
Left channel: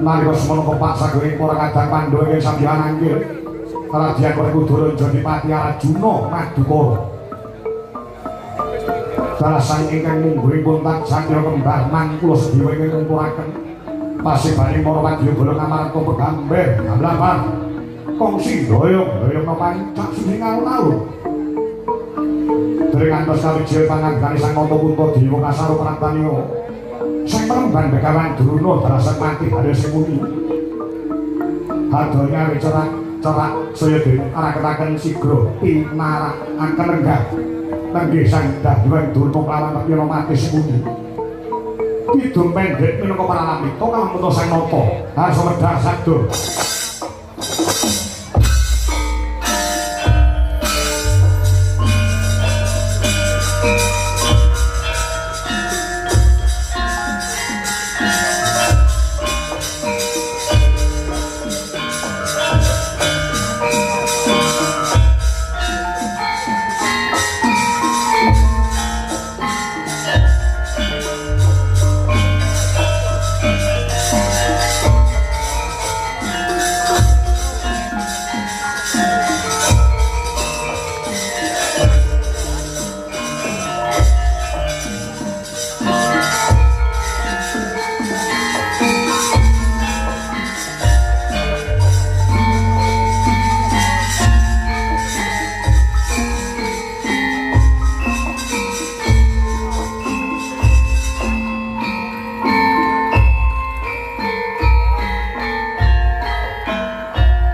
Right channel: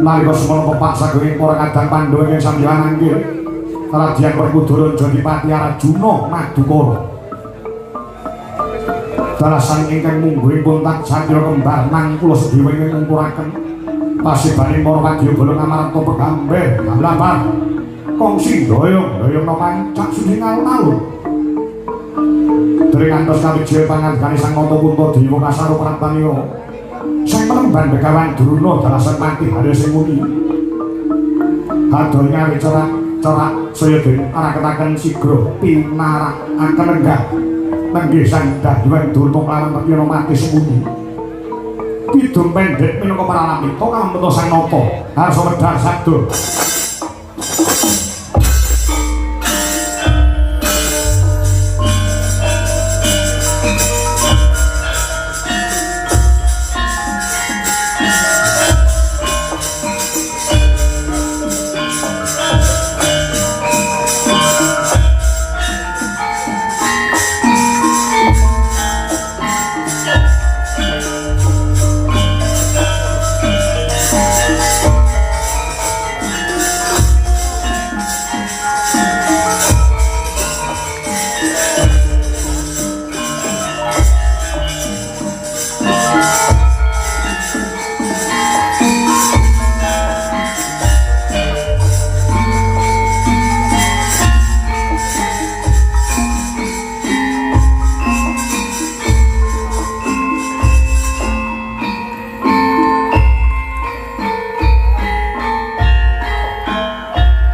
Nalika semana pepak saguring para kadang Pandhawa ing sandyangan nggih Radyan Werkudara Jodipati Arjuna Madukara dalasan ingkang mungguing kontak Satya Kembar mangkula sedhiwa ing ngumpulaken pasibane para wadyabala Ngamarta pegamber lapar kongsi doyong pancak suci alun-alun dereng antos kawijaya pangandhane Sang Nata Punta Dewa Kasaro Prantaniya Sang Remban Begawan Druna dalasan mati hale sing muni kadoh ngawi cerak saya den arak-araken sigra pinarakaken enggak Nanggih sandah Hyang Durna lan Pira mati sing muni kidung pendhek minangka pralamita kamuta Sang Nata harsa medhar sadha.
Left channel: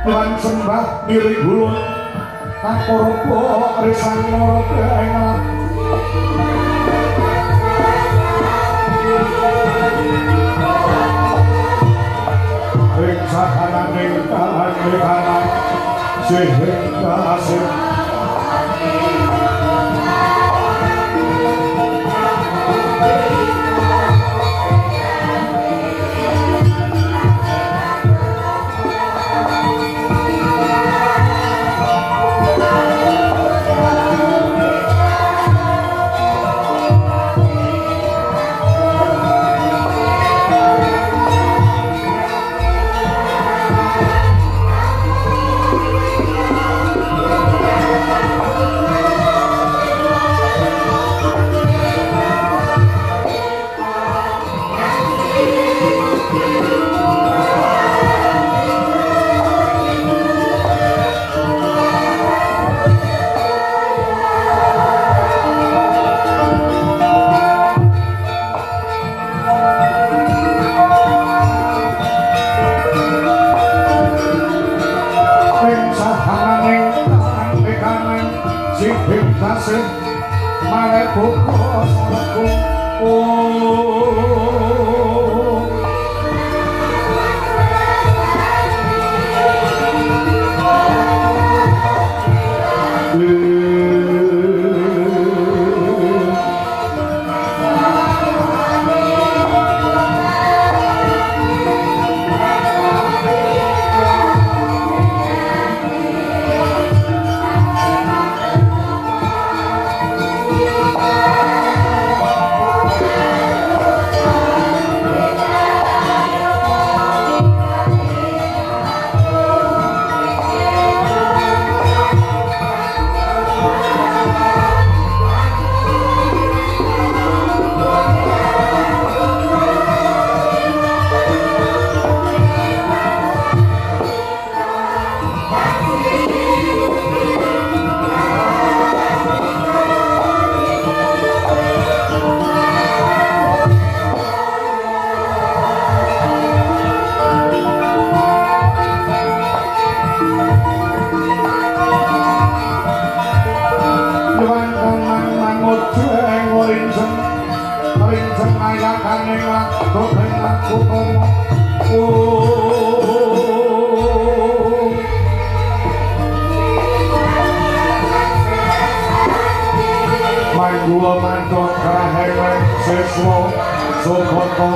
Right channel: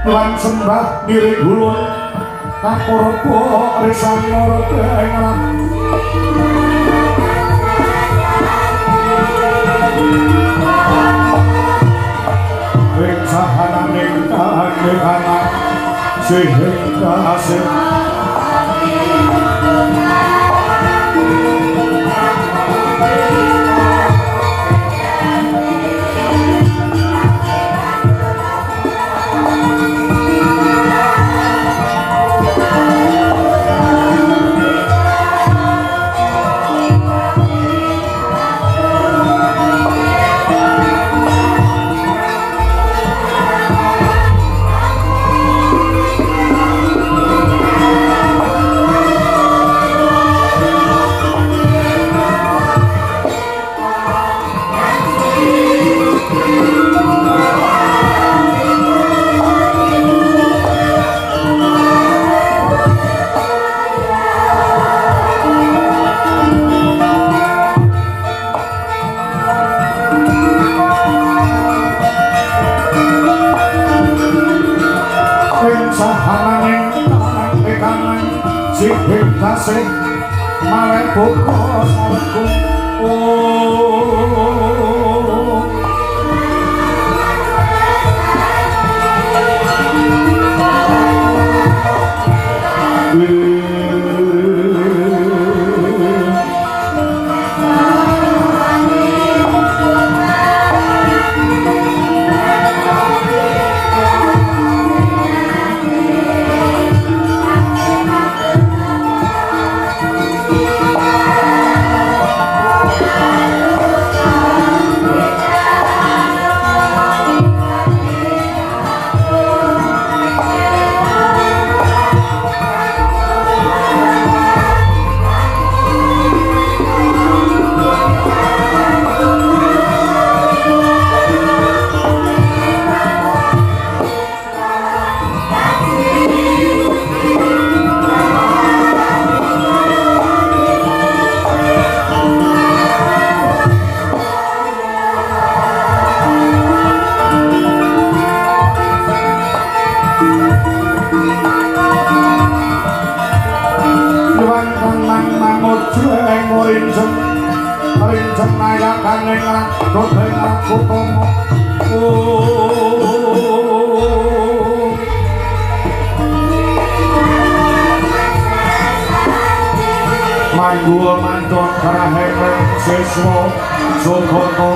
lan sembah ngiring hulun kapurpo risan loro pengelan ing sahananing kahangan sehingga asing sing malah buka sangku Gua mantot kahengan sesmo sokoto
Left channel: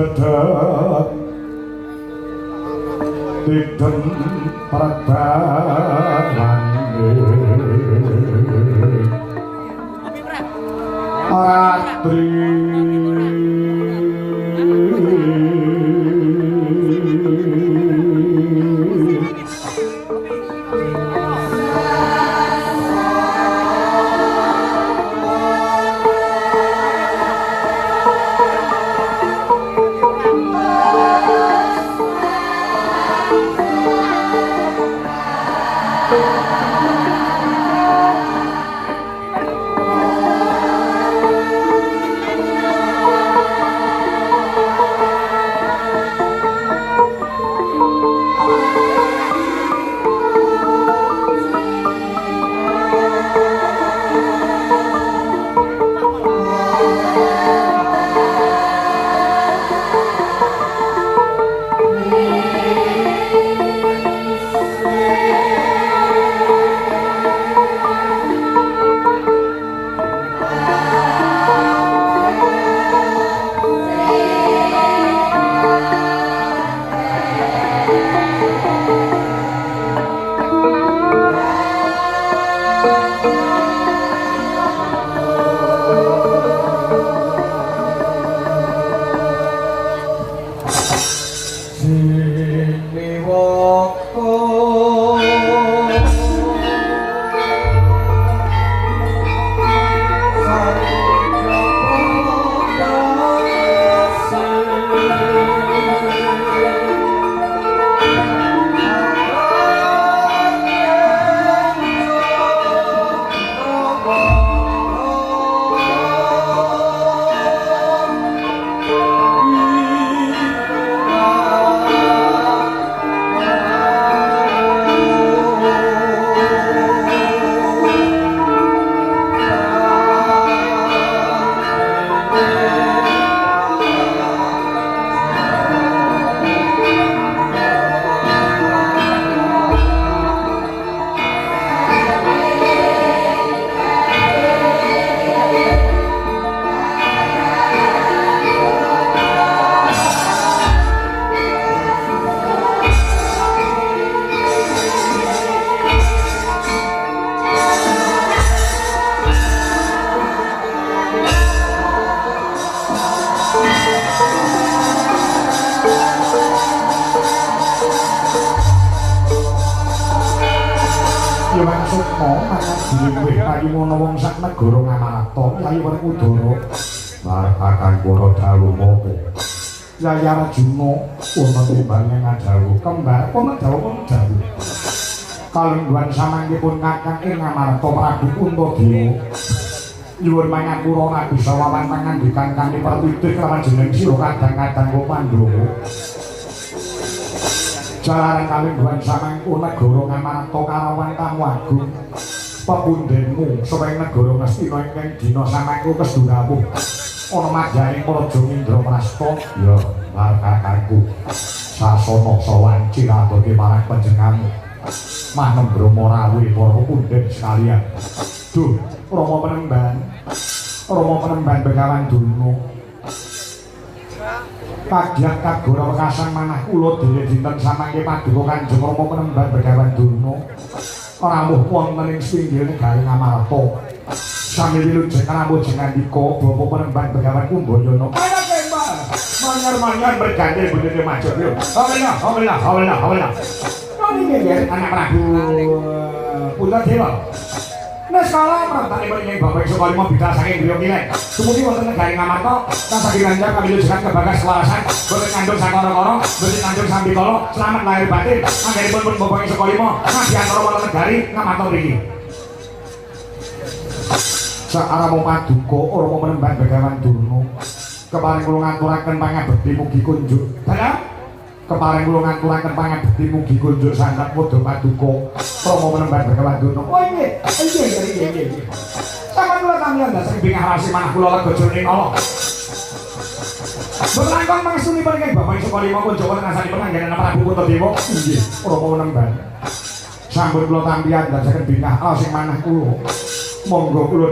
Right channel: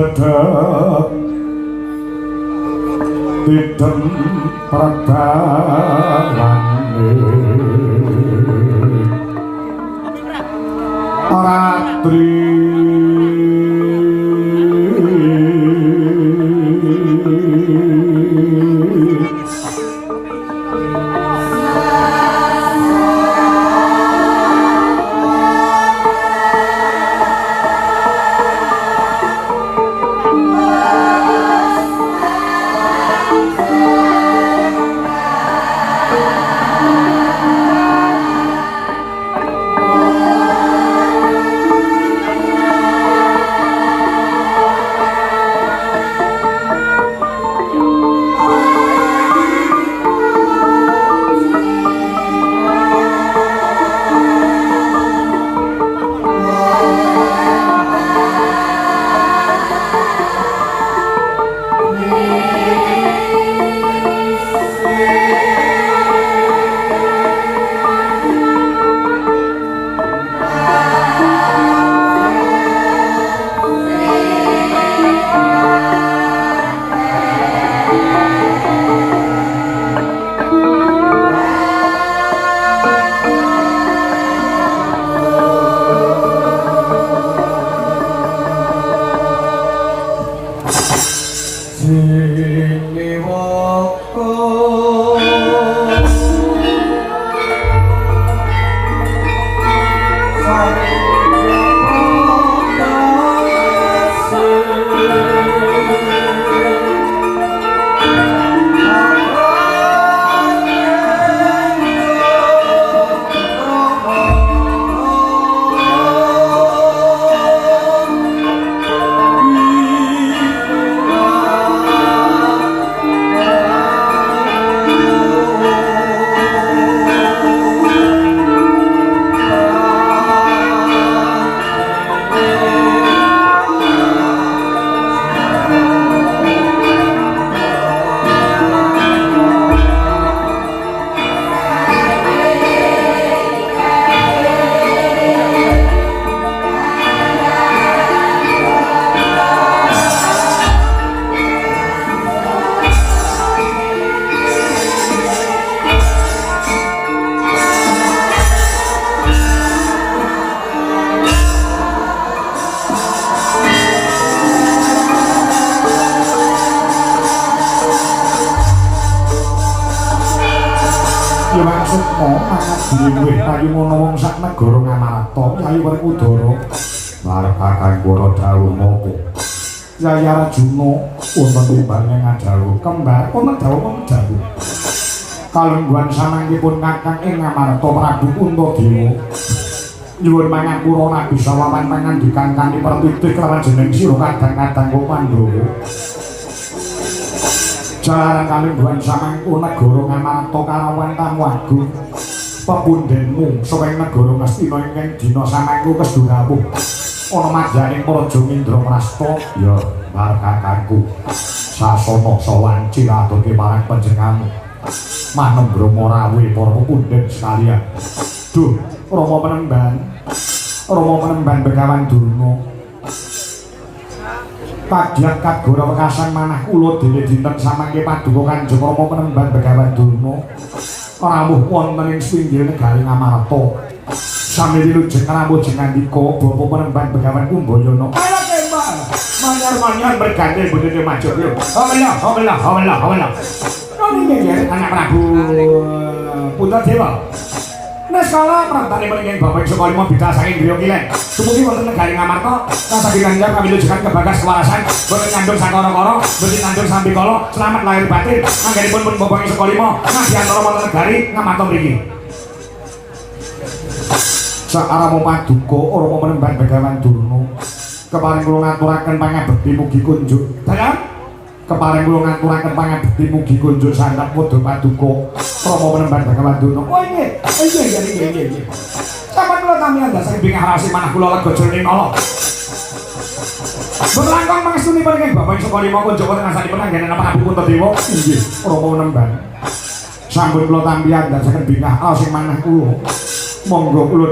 dedek tidem pergarane ratri Dhewe kayu ngono wong sak negara nganata kayu Werkudara marakaken para dawuh moko Yaya Arjuna wonten timbangé ngadhawuh kembar ana dawuh kalungguhan samangkipun kakang ing Ngamarta Prabu Kuntadewa nyuwun mangapura Nabi Salaman pangandikan kanthi pertitih karajening sira kadang-kadang Pandhawa jalaran kalungguhan samangku negara Ngamarta kalawan tamu agung pepundhenmu saweng negara Ngastina ingkang dina samangku kesturawuh ana madyaning Praja Indraprastha ya markakanku sasana sawan ciradoke marang panjenengan manem Brahma rawuh para pundhen sekalian duh Rama Penemban Begawan Durna Padyat kagora kasang manah kula dhewe dinten samangke paduka Kanjeng Rama Penemban Begawan Durna rawuh wonten ing pinggir negari Ngamarta sami wilujeng rawuh jengandika Bapa Penemban Begawan Kumbayana mangan berganti bodene maju yo hola niki anak Prabu Puntadewa nek salah pratane mriki Bapak Sukarimo bidal saking griya kilek dumugi wonten negari Ngamarta kasagirannya kami lujukan ke bagas warasan boten ngandung sakara-kara boten ngandung sambikala selamat lahir batin anggenipun pun Bapak Sukarimo ngadiantara wonten negari Ngamarta mriki sakaramo paduka Rama Penemban Begawan Durna keparing kula ngaturaken pangabekti mugi kunjuk keparing kula ngaturaken pangabekti mugi kunjuk sandhap wedha paduka Rama Penemban Begawan Durna iya sampeyan kula kamiyan dasar bingah harasi manah kula rega jroning kala berlangkong mangsunipun ing Bapak Sukarimo Kunjaka ngrasani penanggalan Prabu Kuntadewa inggih Rama Penemban sampun kula tampian dasar bingah sing manah kula monggo kula